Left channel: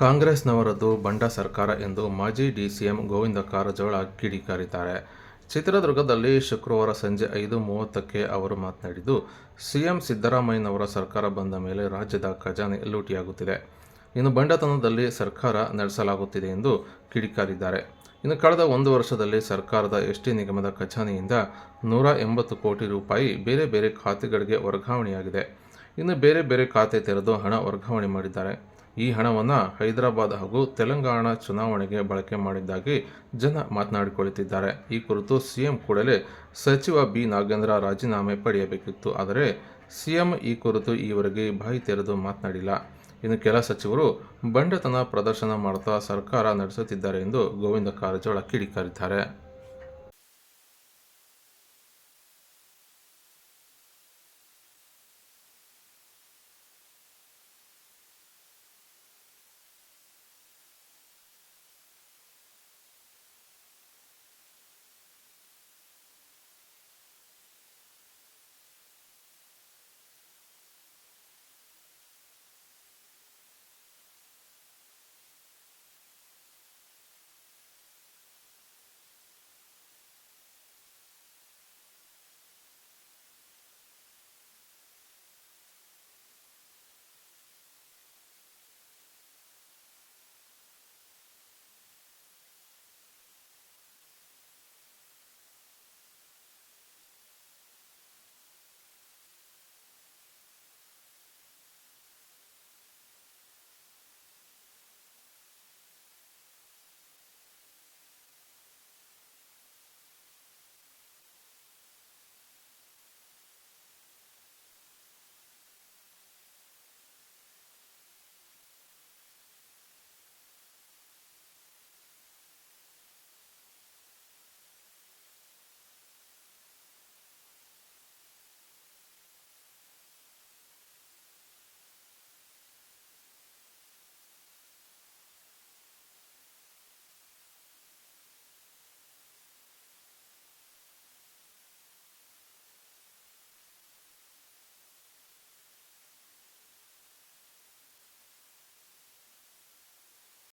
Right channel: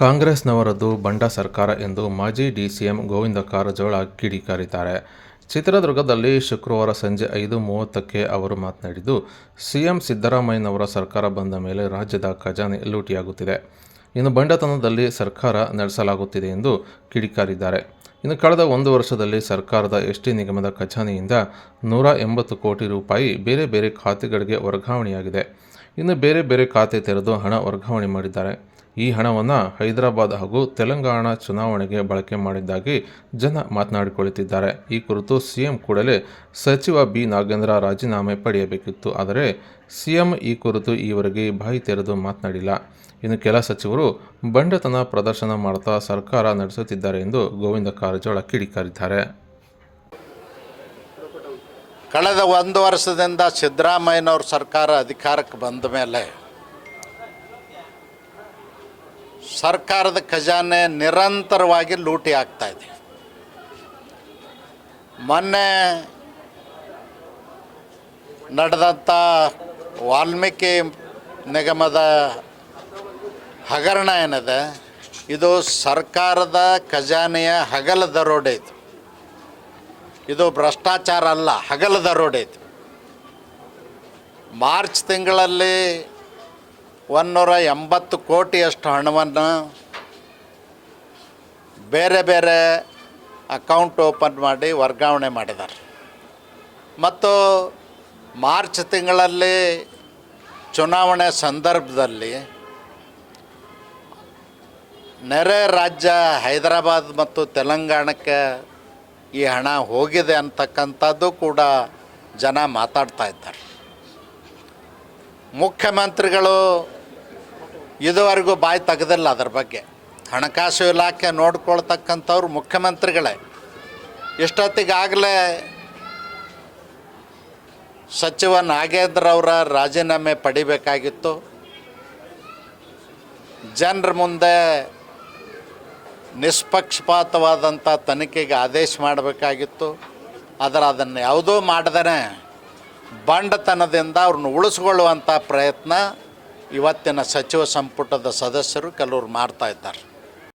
ಕಾಂಗ್ರೆಸ್ನವರದ್ದು ಬಂಡ ಸರ್ಕಾರ ಎಂದು ಮಾಜಿ ಡಿಸಿಎಂ ಗೋವಿಂದ ಕಾರಜೋಳ ಕಿಡಿಕಾರಿದ್ದಾರೆ. ಚಿತ್ರದುರ್ಗದಲ್ಲಿ ಶುಕ್ರವಾರ ಸಂಜೆ ಐದು ಮೂವತ್ತಕ್ಕೆ ಅವರು ಮಾತನಾಡಿದ್ದು, ಸಿಎಂ ಸಿದ್ದರಾಮಯ್ಯನವರ ಸರ್ಕಾರ ಬಂದ ಮೇಲೆ ರಾಜ್ಯದ ಖಜಾನೆ ಲೂಟಿಯಾಗುತ್ತಿದೆ. ಇನ್ನು ಬಂಡತನದಲ್ಲಿ ಸರ್ಕಾರ ನಡೆಸಲಾಗುತ್ತಿದೆ ಎಂದು ಕಿಡಿಕಾರಿದ್ದಾರೆ. ಇನ್ನು ಕಳೆದ ಒಂದು ವರ್ಷದಲ್ಲಿ ಸರ್ಕಾರದ ಎಸ್ಟಿ ನಿಗಮದ ಖಜಾನೆಯಿಂದ ನೂರ ಎಂಬತ್ತು ಕೋಟಿ ರೂಪಾಯಿ ಬೇರೆ ಬೇರೆ ಖಾತೆಗಳಿಗೆ ವರ್ಗಾವಣೆಯಾಗಿದೆ. ಇನ್ನು ಬೇರೆ ಬೇರೆ ಖಾತೆ ತೆರೆದು ಹಣ ವರ್ಗಾವಣೆ ಮಾಡಿದ್ದಾರೆ. ಈ ಹಣವನ್ನು ಹೈದರಾಬಾದ್ ಹಾಗೂ ತೆಲಂಗಾಣ ಚುನಾವಣೆಗೆ ಬಳಕೆ ಮಾಡಿದ್ದಾಗಿ ಜನ ಮಾತನಾಡಿಕೊಳ್ಳುತ್ತಿದ್ದಾರೆ. ಈ ಕುರಿತು ಸಿಎಂ ಕೂಡಲೇ ಸಚಿವ ಬಿ. ನಾಗೇಂದ್ರ ರಾಜೀನಾಮೆ ಪಡೆಯಬೇಕಿತ್ತು. ಆದರೆ ಸಿಎಂ ಈ ಕುರಿತು ಈವರೆಗೆ ಬಾಯಿ ತೆರೆದು ಮಾತನಾಡಿಲ್ಲ. ಇನ್ನು ಕೆಲ ಸಚಿವರು ಬಂಡತನ ಪ್ರದರ್ಶನ ಮಾಡುತ್ತಾ ಸರ್ಕಾರ ನಡೆಸುತ್ತಿದ್ದಾರೆ ಎಂದು ಗೋವಿಂದ ಕಾರಜೋಳ ಕಿಡಿಕಾರಿದ್ದಾರೆ. ಕಳೆದ ಒಂದು ವರ್ಷದಿಂದ ಸಿದ್ದರಾಮಯ್ಯನವ್ರ ಸರ್ಕಾರ ಅಧಿಕಾರಕ್ಕೆ ಬಂದ ಮೇಲೆ ಸರ್ಕಾರದ ಖಜಾನೆ ನಿರಂತರವಾಗಿ ಲೂಟಿ ಆಗ್ತಾ ಇದೆ. ಮೊನ್ನೆ ನಡೆದಂಥ ವಾಲ್ಮೀಕಿ ನಿಗಮದ ಹಗರಣ ಏನಿದೆ, ಇದು ಸರ್ಕಾರದ ಖಜಾನೆಯ ಹಗಲ ದರೋಡೆ ಇದು. ಇದು ಭ್ರಷ್ಟಾಚಾರ ಅಲ್ಲ ಹಗಲ ದರೋಡೆ ಇದು. ಮಾರ್ಚ್ ತಿಂಗಳಲ್ಲಿ ಒಂದೂರ ಎಂಬತ್ತು ಕೋಟಿಯಷ್ಟು ಹಣವನ್ನು ಬೇರೆ ಬೇರೆ ಅಕೌಂಟ್ ಓಪನ್ ಮಾಡಿ ವರ್ಗಾವಣೆ ಮಾಡಿದ್ದಾರೆ. ಮತ್ತು ಮಾರ್ಚ್ ತಿಂಗಳಲ್ಲಿ ಚುನಾವಣೆ ಸಂದರ್ಭದಲ್ಲಿ ನೆರೆ ರಾಜ್ಯ ಹೈದರಾಬಾದ್ ಮತ್ತು ತೆಲಂಗಾಣಕ್ಕೆ ಈ ಹಣ ಹೋಗಿದೆ ಅಂತಕ್ಕಂಥದ್ದು ಕೂಡ ಜನ ಮಾತಾಡ್ತಾ ಇದ್ದಾರೆ. ಮುಖ್ಯಮಂತ್ರಿಗಳು ಇದುವರೆಗೂ ಬಾಯಿ ತೆಗೆದಿಲ್ಲ ಅದ್ರ ಬಗ್ಗೆ. ಹಣಕಾಸು ಇಲಾಖೆ ನೋಡ್ಕೊಳ್ತಕ್ಕಂಥವ್ರು ಮುಖ್ಯಮಂತ್ರಿಗಳೇ. ಇಷ್ಟೊತ್ತಿಗಾಗಲೇ ಸಚಿವ ನಾಗೇಂದ್ರ ಅವರ ರಾಜೀನಾಮೆ ಪಡಿಬೇಕಾಗಿತ್ತು. ಜನರ ಮುಂದೆ ನಿಷ್ಪಕ್ಷಪಾತವಾದಂಥ ತನಿಖೆಗೆ ಆದೇಶ ಮಾಡಬೇಕಾಗಿತ್ತು. ಆದರೆ ಅದನ್ನು ಯಾವುದೂ ಮಾಡದೇ ಬಂಡತನದಿಂದ ಅವ್ರನ್ನ ಉಳಿಸ್ಕೊಳ್ಳುವಂಥ ಪ್ರಯತ್ನ ಇವತ್ತಿನ ಸಚಿವ ಸಂಪುಟದ ಸದಸ್ಯರು ಕೆಲವರು ಮಾಡ್ತಾ ಇದ್ದಾರೆ.